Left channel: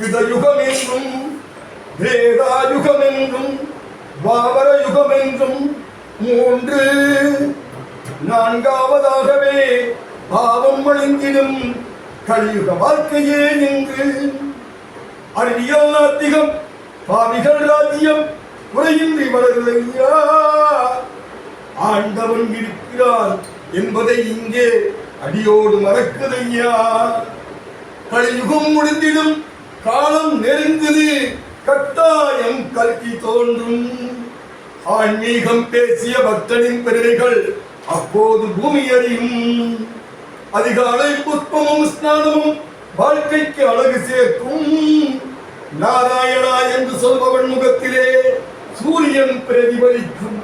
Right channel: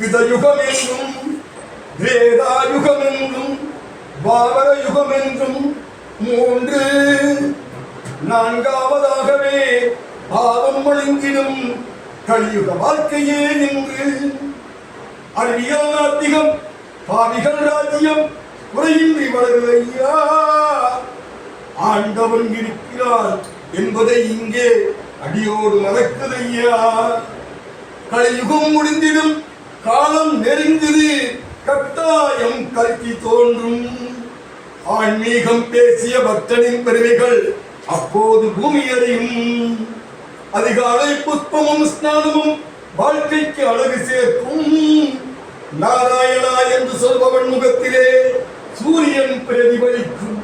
விதயுகமென்றும் வேதாயுகமென்றும் பாவர யுகமென்றும் மூன்று. நான்காவதாகவே பாவம் அழிந்திடும் கலியுக வாழ்க்கையே இன்று. அறிவியல் நாத்திகம் பாவிகள் ராஜ்யம் குறையின்றி வளருதையா ஆண்டவன் இருக்கிறார் என்பதை இங்கே அடியோடு மறக்குதையா கலியுகம் முடிந்திடும் காலம் நெருங்குது கட்டாயம் கல்வி தோன்றும். ஆன்மீகம் பேசிய பக்தனின் பெருமைகள் அப்போது பூமி அறியும் அதிகாலை புஷ்பமும் ஸ்நானமும் வாழ்க்கைக்கு அழகு சேர்க்கும். நாராயணா என்று சொல்பவன் முகத்திலே சூரியன் பிரதிபலிக்கும்.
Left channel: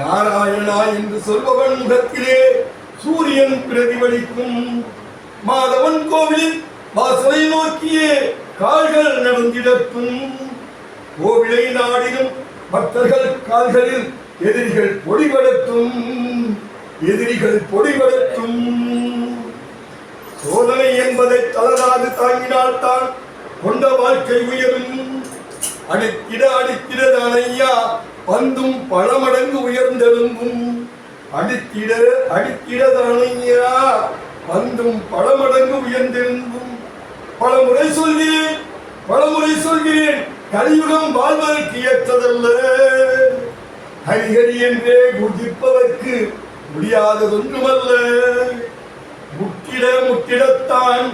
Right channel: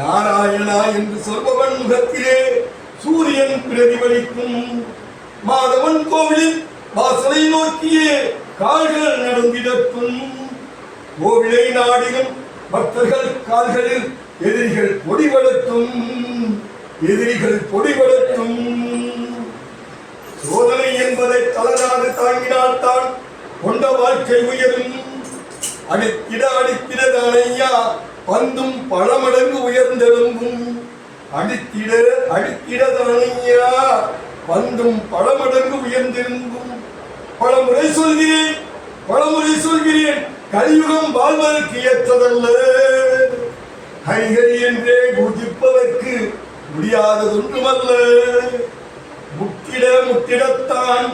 நாராயணா என்று சொல்பவன் முகத்திலே சூரியன் பிரதிபலிக்கும். மாதவன் கோவில் வாசலை நோக்கியே கால்கள் நடந்திடட்டும் கோவிலை நாடினும் பக்தர்கள் கால்களில் எதிரிகள் பொடிபடட்டும் எதிரிகள் பொடிபடட்டும் சோதனை என்பதை தளராது தாங்கினால்தான் கொண்ட வாழ்க்கை உயரும். அடித்திட அடித்திட ஐயா பந்தும் பல மடங்கு உயர்ந்தெழும்பும். அடித்திட அடித்திட ஐயா பந்தும் பல மடங்கு உயர்ந்தெழும்பும். பல முறை சொல்கிறேன் பல முறை சொல்கிறேன் கலியுகம் வாழ்வதற்கு ஏற்றதல்ல. ஹரிஹரி என்றே குதிப்பதற்கு முடியாததொன்றுமல்ல. முட்டிட முட்டிடத்தான்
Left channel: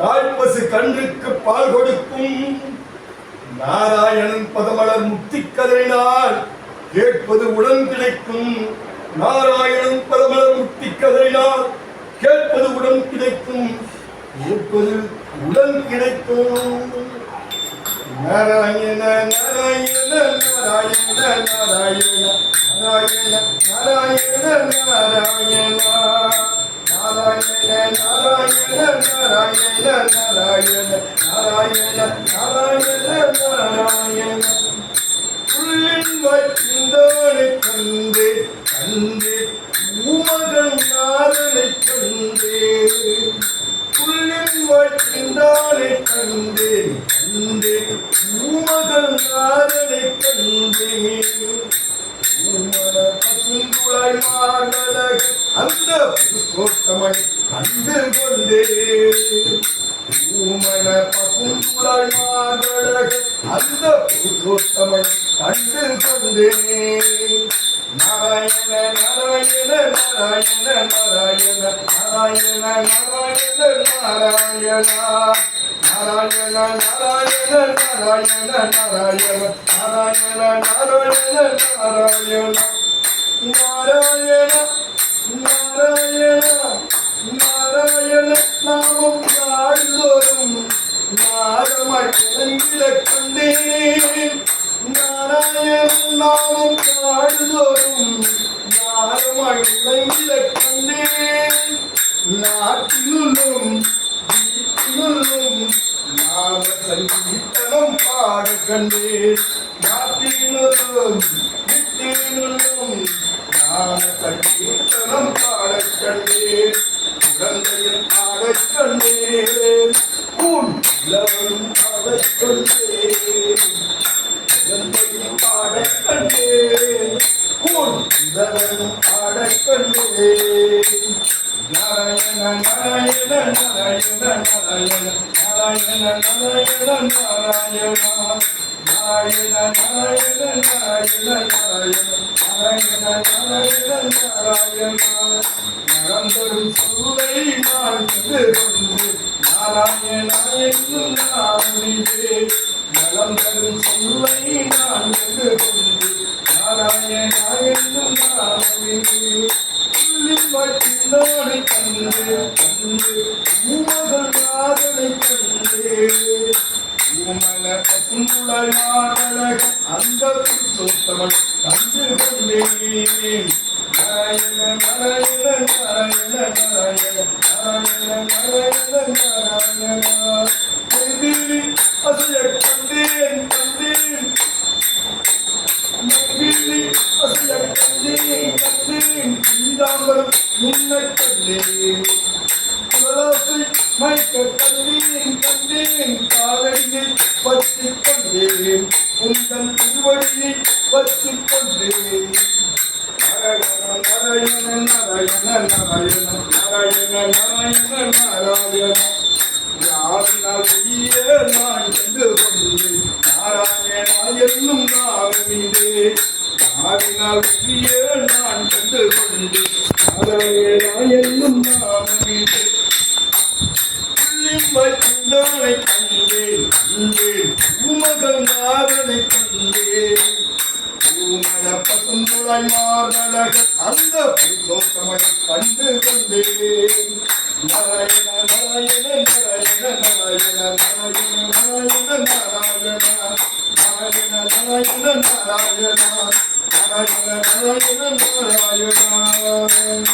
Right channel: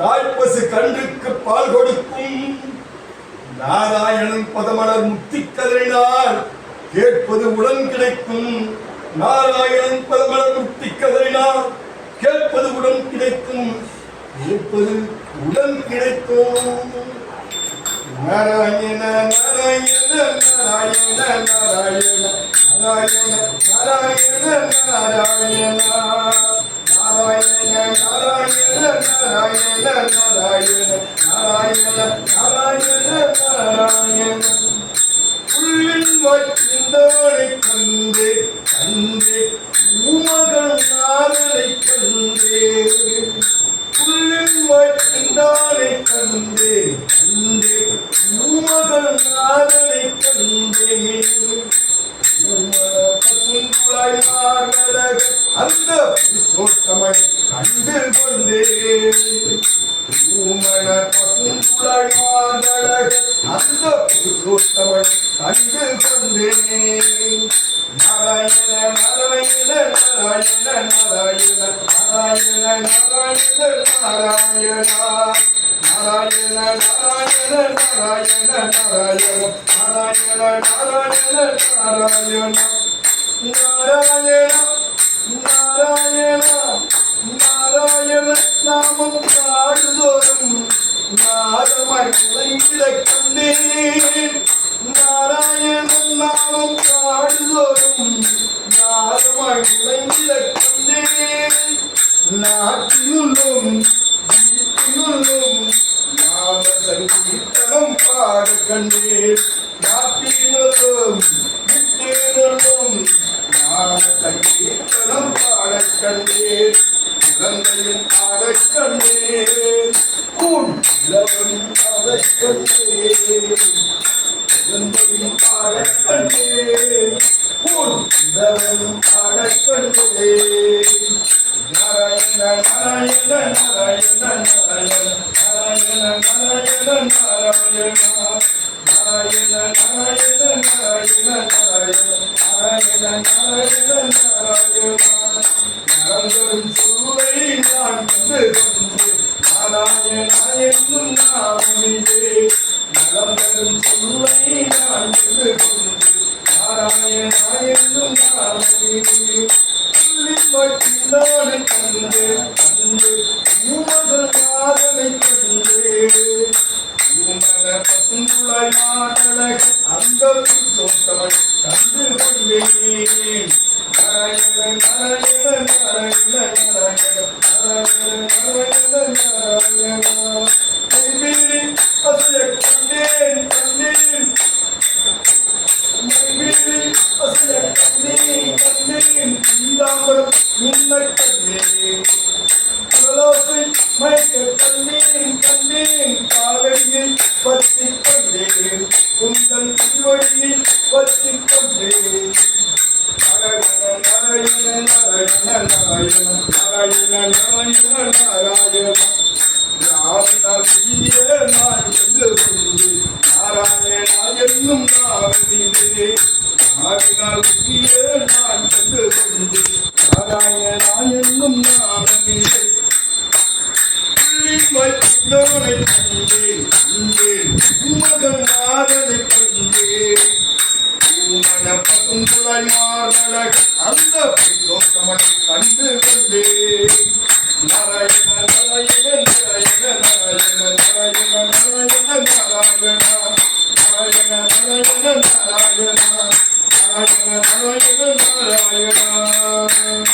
தாய்ப்பசு கன்றுக்கு பால் கொடுக்கும். நாராயணன் பதமலர் முத்தி கதறினால் கேட்பது உடன் கிடைக்கும். நாராயணன் பதமலர் முத்தி கதறினால் கேட்பது உடன் கிடைக்கும். இருப்பது உடல் கிடைத்தோம் நாராயண நாராயண நாராயண நாராயண நாராயண நாராயண நாராயண நாராயண நாராயண நாராயண நாராயண நாராயண நாராயண நாராயண உள்ளின் கண்டு கண்டு உமகன் நாரனை கண்டே கண்டேன் கண்டேன் பூமகன் மாதனை கண்டேன் பசுங்குழாய் மாதன அந்த புஷ்போத்தமன் கண்டு கொண்டேன். பூமண பசுங்குழாய் மாதன அந்த புஷ்போத்தமன் கண்டு கொண்டேன். நாராயண நாராயண நாராயண நாராயண நாராயண நாராயண நாராயண. நாராயண நாராயண நாராயண நாராயண நாராயண நாராயண நாராயண. நாராயண நாராயண நாராயண நாமம் காடுதோறும் நாதமாய் கண்டேன். நாராயணன் நாமம் காடுதோறும் நாதமாய் கண்டேன். நாட்டினுள்ளும் வீட்டினுள்ளும் இத்தனம் பாடு கண்ணீர் மாற்றினும் விட்டினும் ஞான சங்கீர்த்தனம் பாட கண்ணீர் குழந்தையின் பாட கண்ணீர் உன் இளவன் பாட கண்ணீர் குழந்தையின் பாட கண்ணீர் உன் இளவன் நடந்தரும் சூழலை நான் கொண்டு நாராயணா என்னும் நாமியே நலந்தரும் சூழலை நான் கொண்டு நாராயணா என்னும் நாமியே பட்டினோனை தந்து உமகள் நாதனை தந்து உமல பசுமுளை மாதளை அந்த புத்தோத்தவள் தந்து கொண்டேன். நீராம்பரம் நின்னை கண்டேன். சுழலாசை மயக்க கண்டேன் கண்டேன் காலடியை பற்றி கொண்டேன். உந்தன் திருவடியை பற்றி கொண்டேன். நாராயண நாராயண நாராயண நாராயண நாராயண நாராயண நாராயண யாரினால் செய்ய நான் கண்டு புள்ளின்மை புண்டானை கண்டேன் உமகன் நாதனை கண்டேன் பூமன பசுங்குழாய் மார்பழக அந்த புருஷோத்தமனை கண்டு கொண்டேன் நாராயண நாராயண நாராயண நாராயண நாராயண நாராயண நாராயண நாராயண நாராயண நாராயண நாராயண நாராயண நாராயண